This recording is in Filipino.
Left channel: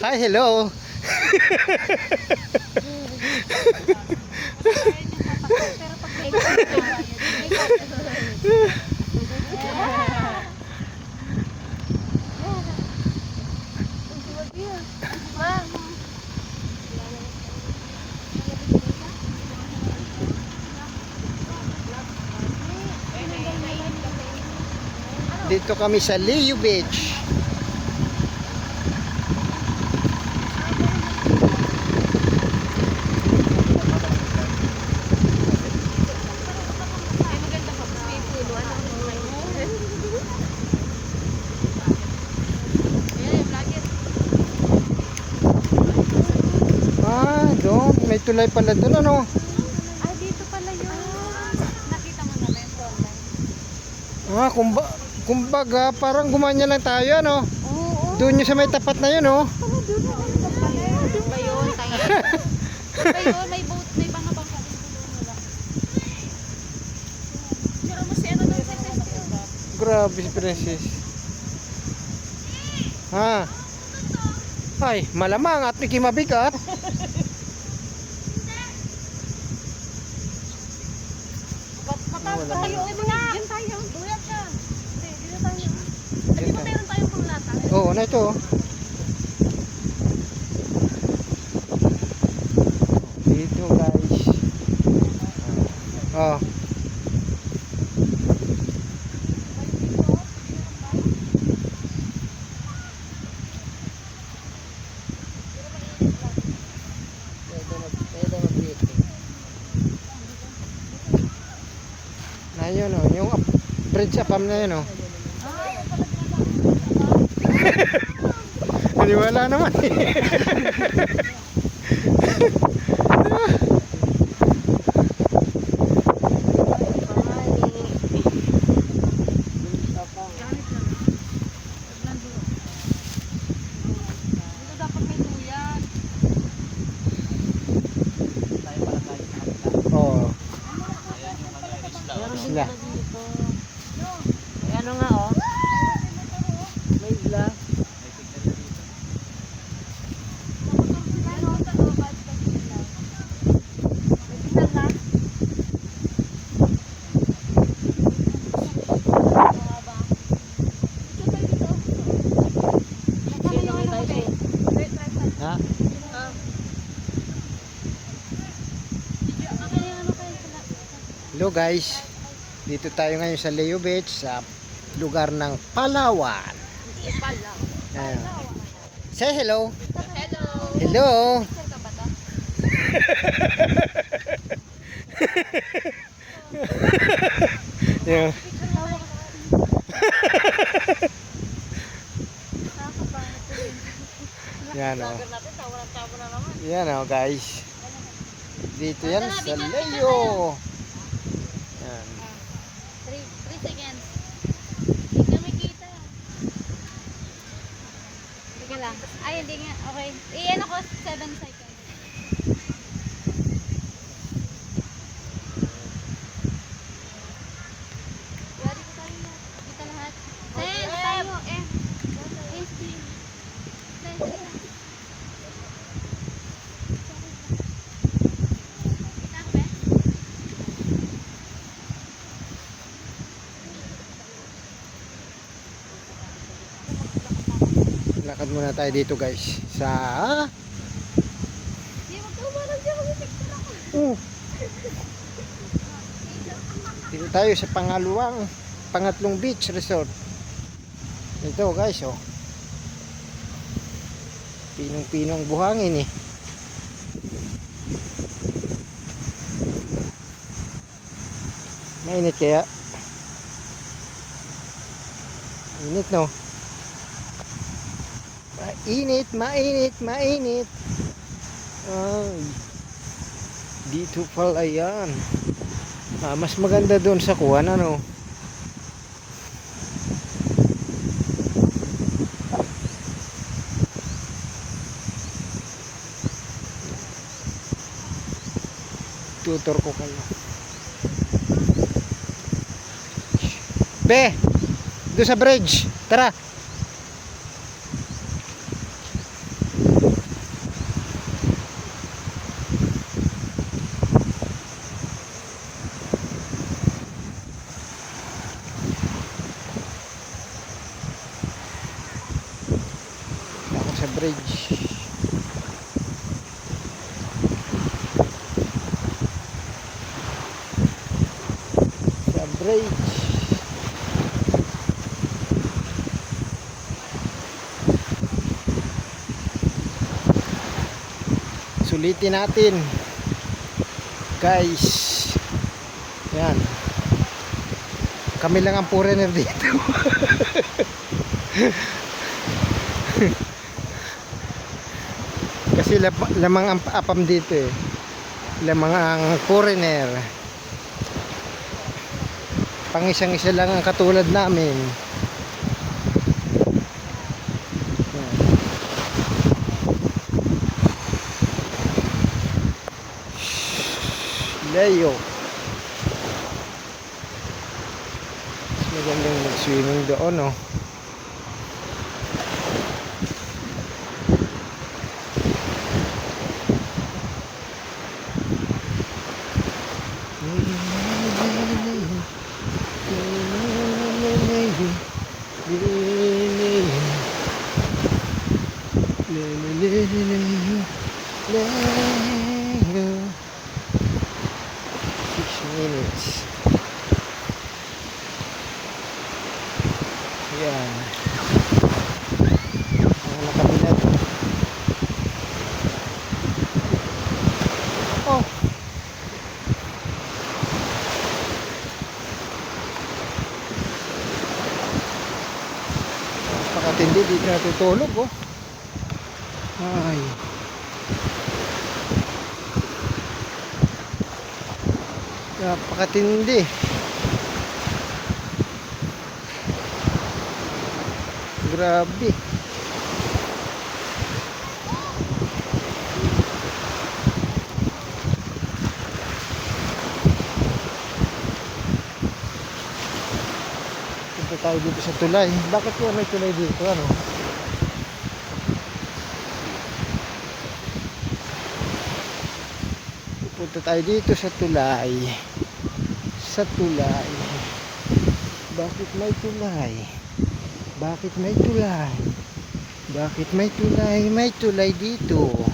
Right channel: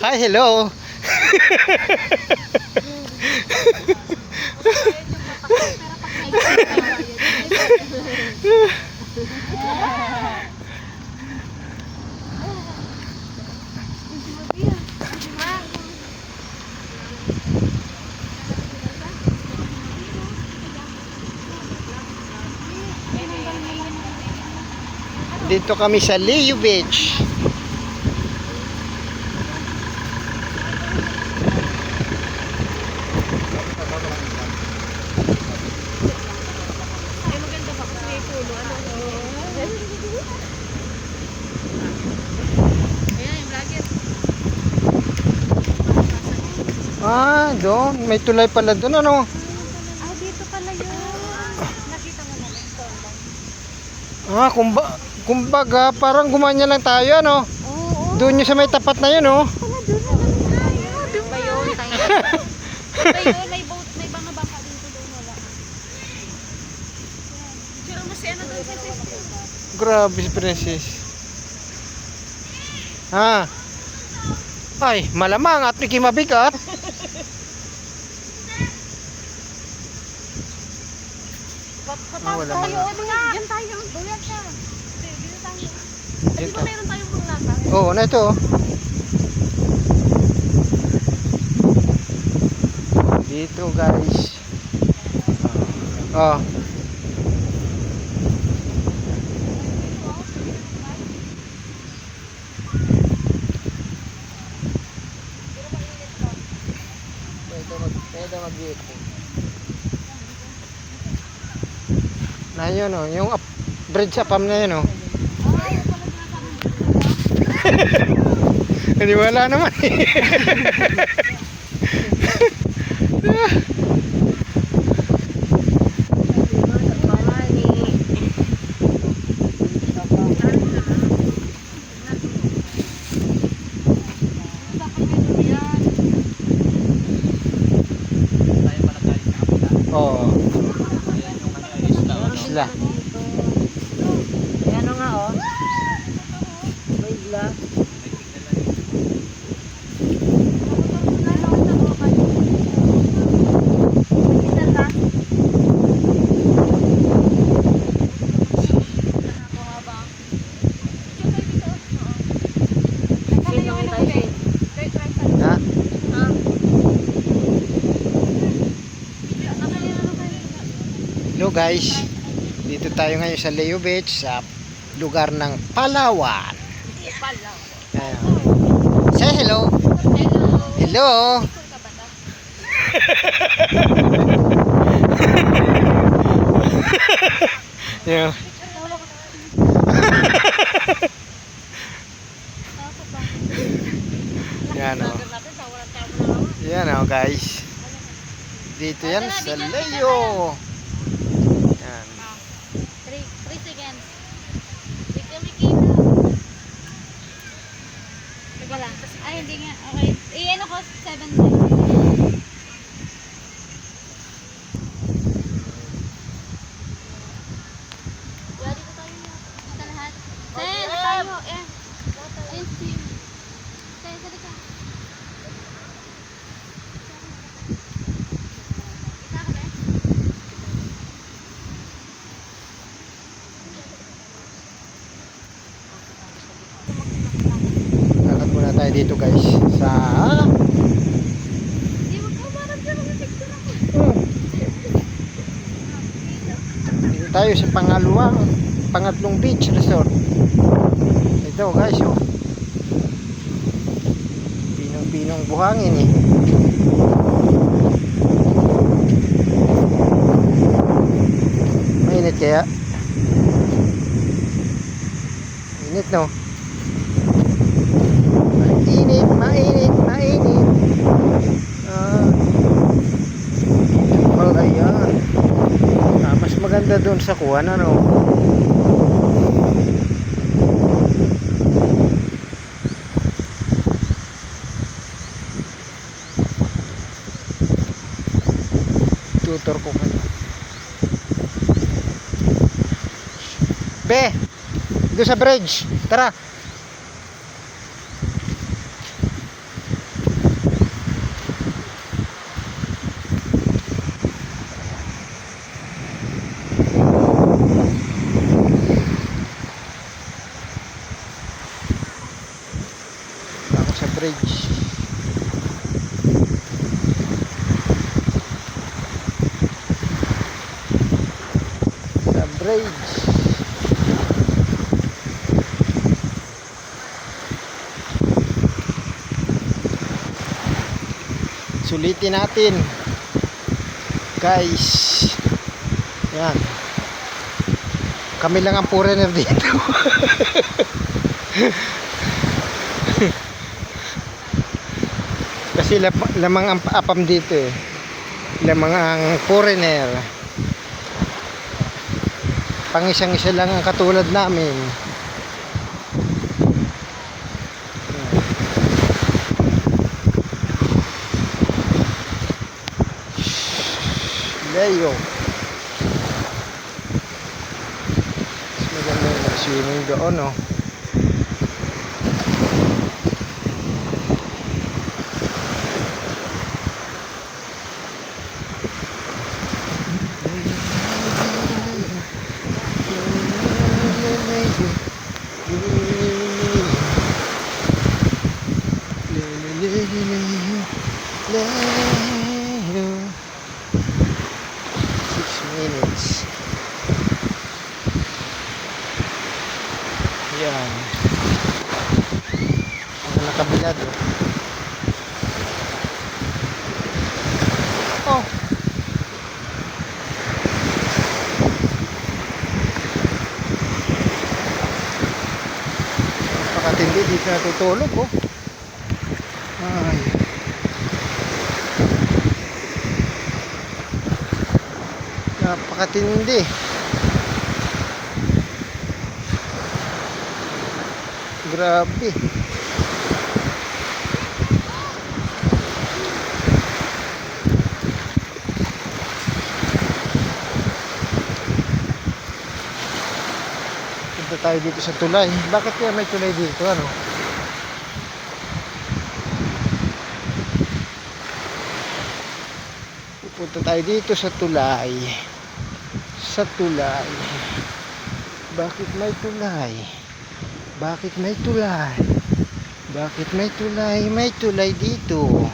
Hi, hello. Dito kami sa Leo Beach. Ah, doon. May tulay pala doon, ano? Ay, dito pala yun. Nakita mo na ba yung online? Ah, kumbaga, parang gumanya lang tayo, ano? Oo. Doon yung sa may tapat na yun, oh. Pala doon na lang tayo. Doon ba yun? Tayo. Ba yun? May boat, may banga-banga din ko doon. Wala. Sira mo si ano doon sa festival. Grabe si Princess. Ha? Ay, malamang at Mickey mabigat. Wala Tayo, na. diyan tayo. Buyan siya. Dito tayo. Diyan Di ba tayo. meron tayong panglata? Oo, na ito. Dito, guys. Oh. Na yun, oh. Yung bridge apam na yun, oh. Hindi wala naman eh. Oo. Isla. Ano nga oh? May isla. Ha? Hello guys. Dito tayo ngayon sa Leo Beach sa lugar ng Palawan. Ayan. Say hello. Hello. Yeah. Yan o. Yan o guys. Dito yan sa Leo. Yan. 3 seconds. Tignan mo kita. Teka lang. Ay, hindi nga. Okay. Iyan ako 7 seconds. Ready ko tayo na. Kita lahat. Ses, tayo. Ayun, team. Tayo, salita. Kita ka ba? Lakad muna tayo dito guys sa Hindi, magkamarang dyan. Mag-picture ako. dito tayo sa pangatlong beach resort. Ito guys, oh. Pinong buhangin eh. Mainit kaya? Init, no? Mainit. Dito pala yan. Mas maganda doon sa kuwan, ano? Tutor ko kayo. Be, doon sa bridge. Tara. Ako sa bridge. Sa bridge. Sulitin natin. Guys. Yan. Kami lang ang foreigner dito. Kasi lamang ang apam dito eh. Lamang ang foreigner. Pang isang-isa lang ang katulad namin. Layo. Mas maganda yung nag-swimming doon, no? Minutes. Yan. Ang nakabila doon. Oh. Pakatindi dito natutulog, oh. Ay. Napakatindi. Grabe. Punta tayo dito sa tulay. Bakit kaya may tulay dito, ano? Punta tayo dito sa tulay. Sa tulay. Bakit may tulay? Bakit may tulay? Bakit may tulay? May tulay dito.